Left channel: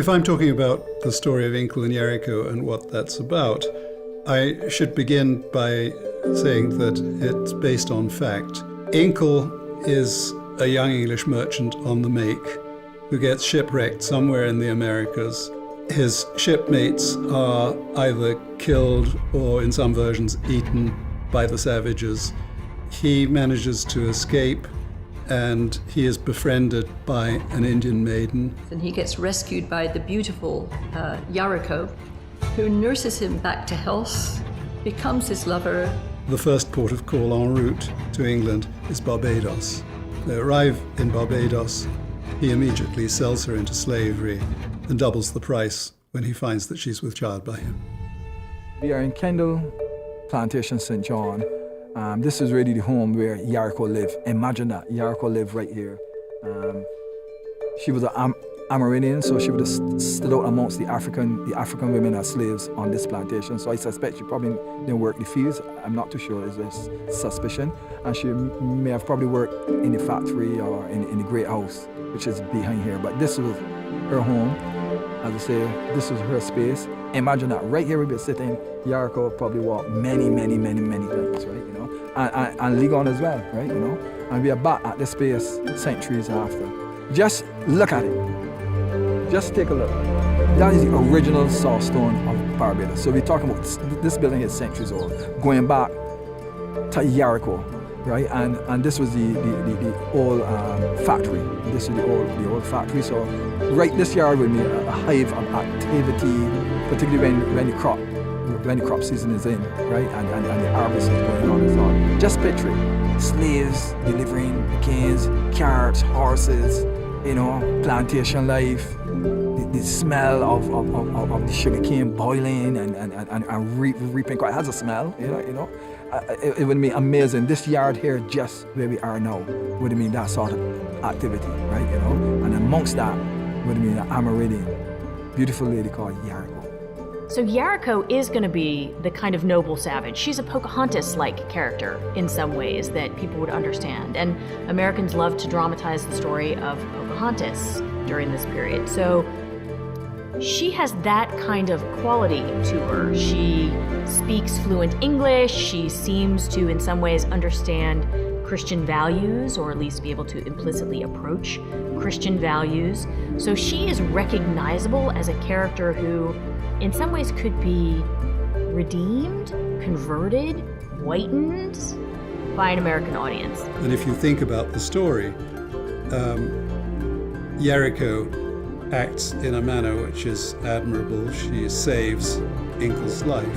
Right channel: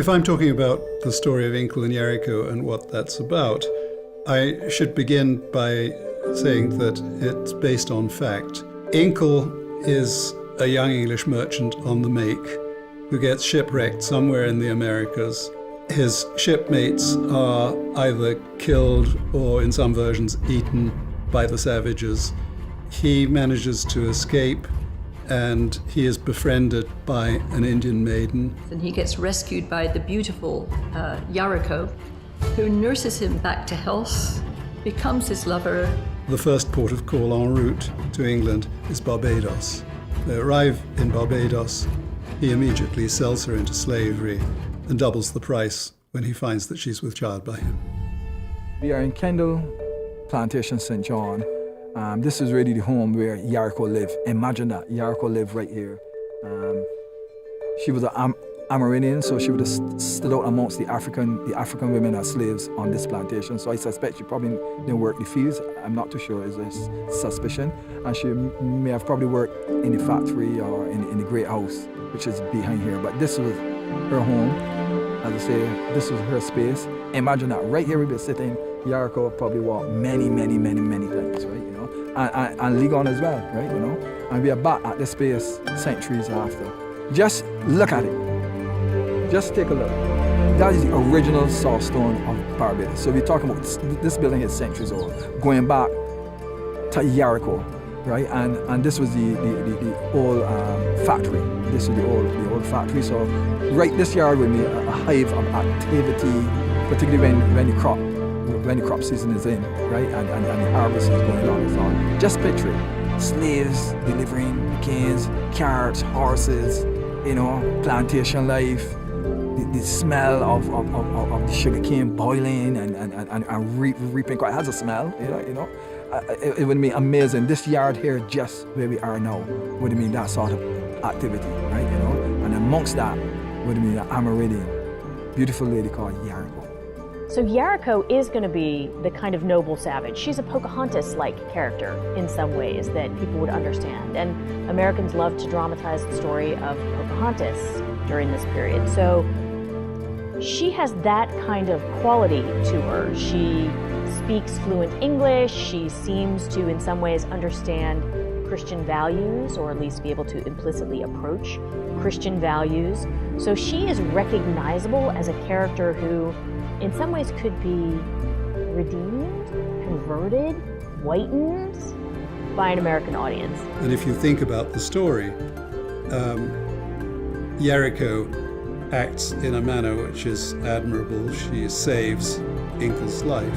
If I'm talking about the story of Inkle and Yarico and what that's about, I should begin by saying that it's based on fact. Inkle is a young English merchant on the make who gets shipwrecked somewhere in the Americas. His shipmates are either killed or, in some versions, eaten by the savages. He manages to escape, and he is befriended by an Indian maiden. And he gets rescued by the beautiful Yarico, who nurses him back to health, becomes his lover. The first port of call en route to England is Barbados. They arrive in Barbados. He immediately sells her into slavery and doubles the price when he finds that she's with child by him. We are in Kendall Plantation, St. John. This is really the home where Yarico lived. Imagine that, Yarico lived right here. She was an Amerindian, so she would have stood out amongst the African women as slaves on this plantation. So I suspect she probably didn't work the fields. I'm not too sure, is this suspicion. And she may have probably worked in the factory or in the great house, which is behind here. But this was her home. As I say, this was her space. Imagine that, right here we'd be sitting. Yarico probably walked many times, right, you know, and Ligon as well, right, you know, and we are back at this space centuries after. Just look at it. Just take a look. That is the original Sawstone of Barbados. So we're talking about this building is centuries old, going back to Yarico, right, and this was the old factory. This is the old factory. So right, this yard would be a hive of activity, particularly when the crop season is in, right, and the harvest is going on and so on. Just picture it. Slaves delivering the canes, carts, horses, you know, plantation life, the smell of the sugar cane boiling and reaping. It has a smell, you know. It would be amazing. This yard here, just where we are now, would mean that sort of activity, right, you know. And amongst that would mean an Amerindian, beautiful lady called Yarico. So Yarico is going to be the kind of noble savage. She's a Pocahontas-like character in some ways that people would understand. And Americans love to dramatize the story of Pocahontas during this period. So she has that kind of quality to her. She speaks fluent English. She seems to, in some ways, understand Christian values, or at least be able to implicitly approach Christian values. So she is recognizable as a character who, in some ways, could be redeemed, converted, whitened by an American audience. And if you think about the story, Yarico acts in a manner which is admirable. She saves Inkle's life.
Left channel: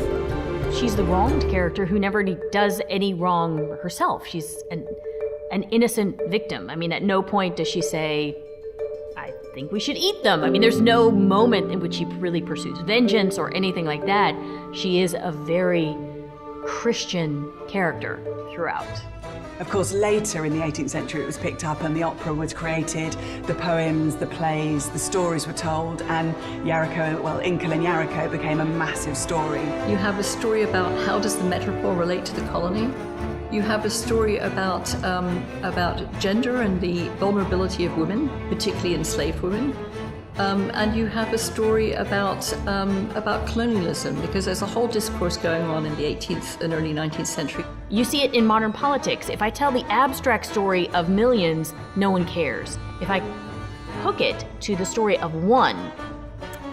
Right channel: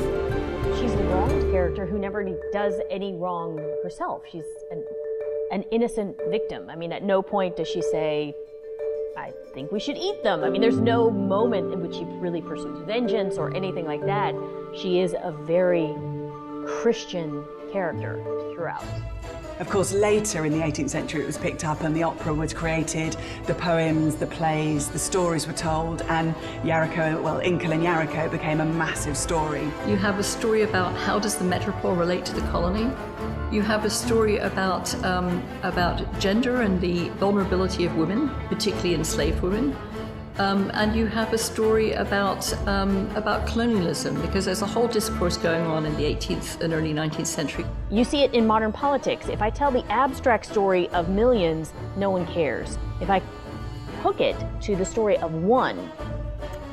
She's the wronged character who never does any wrong herself. She's an innocent victim. I mean, at no point does she say, I think we should eat them. I mean, there's no moment in which she really pursues vengeance or anything like that. She is a very Christian character throughout. Of course, later in the 18th century, it was picked up and the opera was created, the poems, the plays, the stories were told, and Yarico, well, Inkle and Yarico became a massive story. You have a story about how does the metropole relate to the colony. You have a story about gender and the vulnerability of women, particularly enslaved women. And you have a story about colonialism, because there's a whole discourse going on in the 18th and early 19th century. You see it in modern politics. If I tell the abstract story of millions, no one cares. If I hook it to the story of one,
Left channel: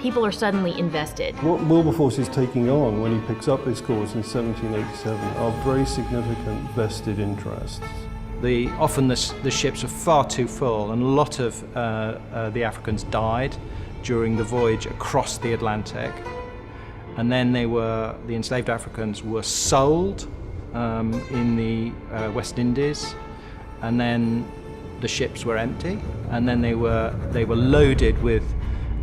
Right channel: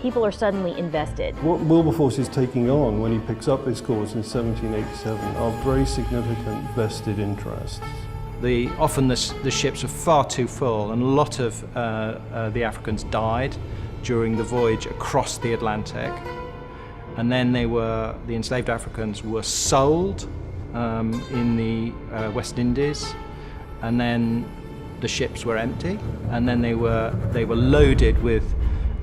people are suddenly invested. What Wilberforce is taking on when he picks up this cause in 1787 are very significant vested interests. Often the ships were far too full, and a lot of the Africans died during the voyage across the Atlantic. And then the enslaved Africans were sold in the West Indies, and then the ships were empty, and then they were loaded with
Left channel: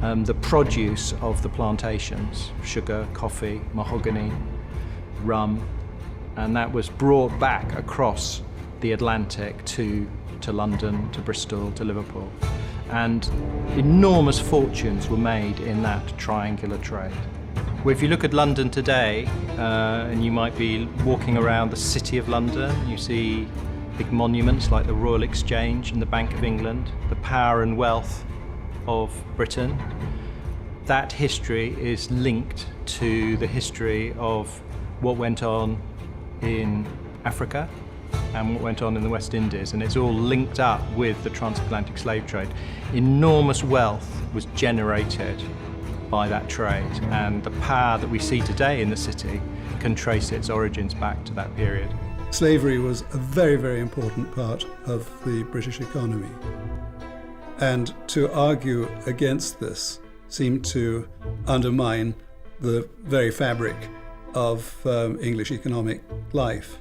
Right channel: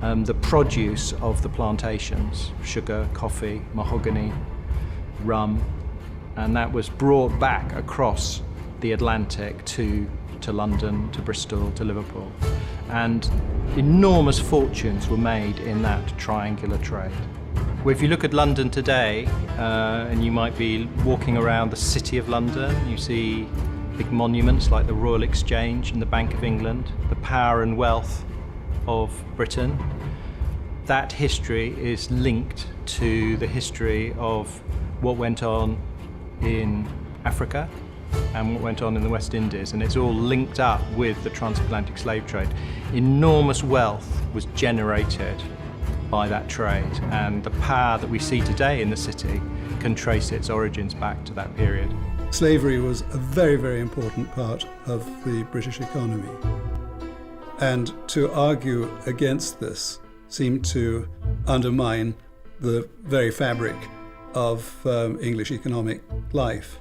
the produce of the plantations: sugar, coffee, mahogany, rum, and that was brought back across the Atlantic to London, to Bristol, to Liverpool. And enormous fortunes were made in that triangular trade. Well, if you look at London today, and you might be walking around the City of London, you see big monuments like the Royal Exchange and the Bank of England, the power and wealth of Britain. that history is linked to the history of what went on in Africa and what went on in the West Indies, and it's all linked up with the transatlantic slave trade. Enormous wealth was generated by that trade, and the power that we see today in the city can trace its origins back to that period. Slavery was a very, very important part of the British economy. And to argue against this seemed to undermine the very fabric of English economic life.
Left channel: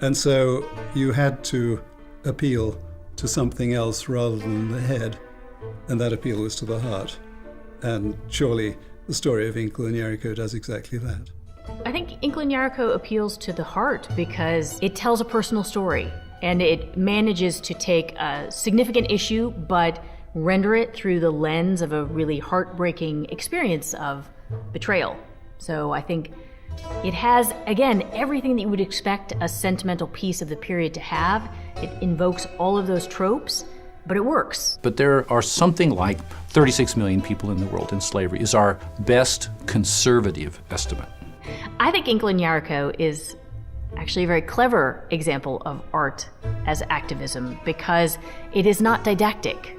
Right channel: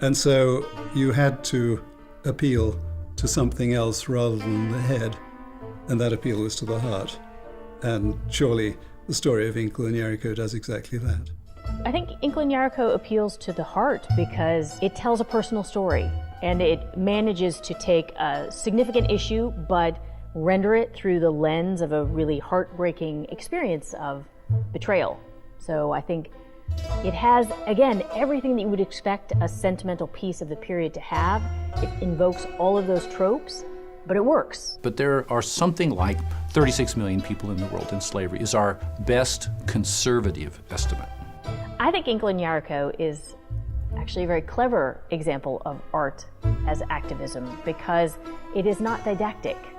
And so you had to appeal to something else rather than the head, and that appeal was to the heart. And surely the story of Inkle and Yarico does exactly that. I think Inkle and Yarico appeals to the heart because it tells a personal story, and it manages to take a significant issue but render it through the lens of a really heartbreaking experience of betrayal. So I think it has, again, everything that you would expect a sentimental piece of the period to have. It invokes all of those tropes, but it works. But there are something like 36 million people in the world in slavery, is our best conservative estimate. I think Inkle and Yarico is actually a very clever example of art as activism because it is not didactic.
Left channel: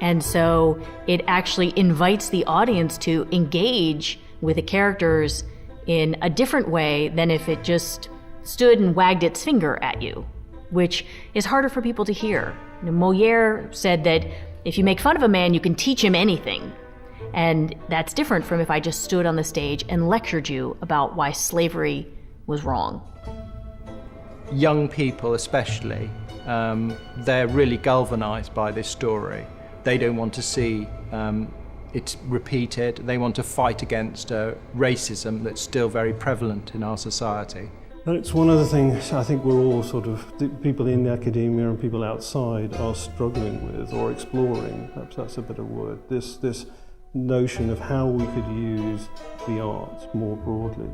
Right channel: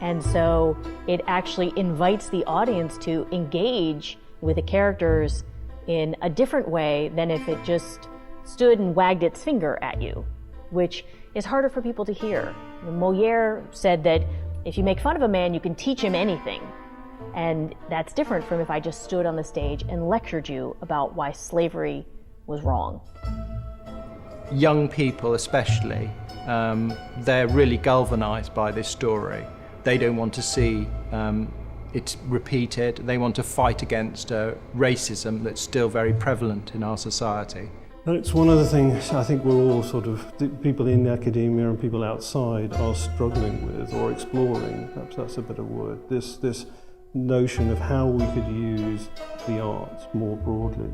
And so it actually invites the audience to engage with the characters in a different way than if it just stood and wagged its finger at you, which is harder for people to hear. Molière said that if you make fun of a man, you can teach him anything. And that's different from if I just stood on the stage and lectured you about why slavery was wrong. Young people especially, they're really galvanized by this story. They don't want to see it's repeated. They want to fight against racism that's still very prevalent in our society. And it's one of the things I think we're all the people in academia and people outside are struggling with or exploring, perhaps that's a better word, this notion of how we could use the arts more broadly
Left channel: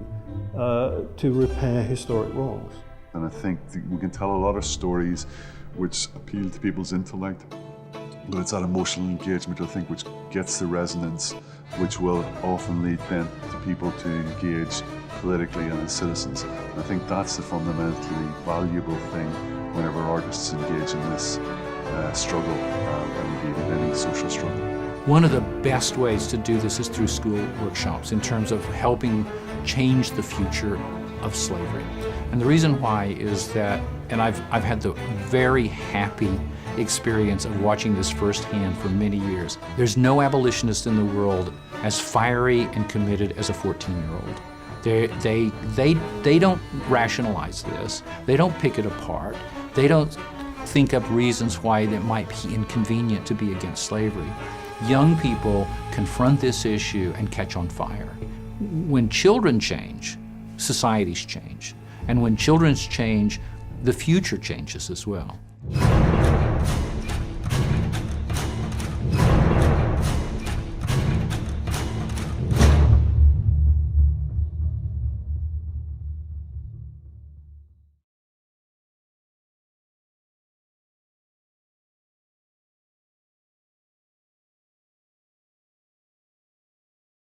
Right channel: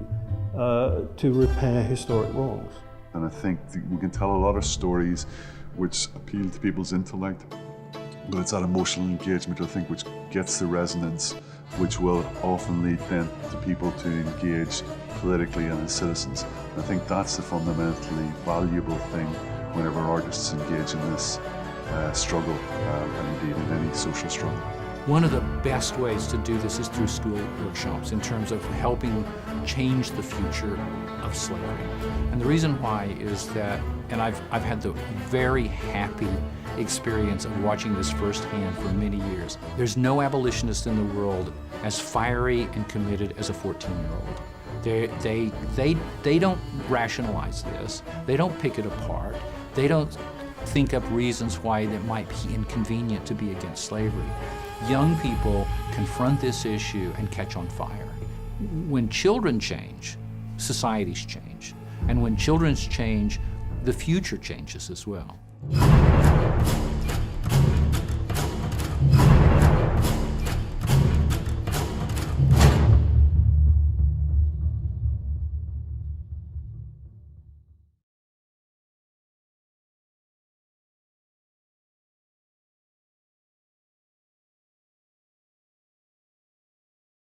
to repair historic wrongs. And I think we can tell a lot of stories which appeal to people's intellect, but it's that emotional engagement, I think, which gets the resonance, which will often lead then to people to engage politically and as citizens. And I think that's the fundamentally valuable thing whenever artists engage in this struggle, and indeed in any social struggle. One of the best ways to do this is through school workshops in terms of helping change the future of slavery. And the reason why is that, and I've had the very happy experience of watching this firsthand for many years. There's no abolitionist in the world as fiery and committed as a 14-year-old. They don't rationalize this. They don't pick it apart. They don't think up reasons why it might be inconvenient to be against slavery. Young people confront this issue and catch on fire. When children change, societies change. And when children change, the future changes as well.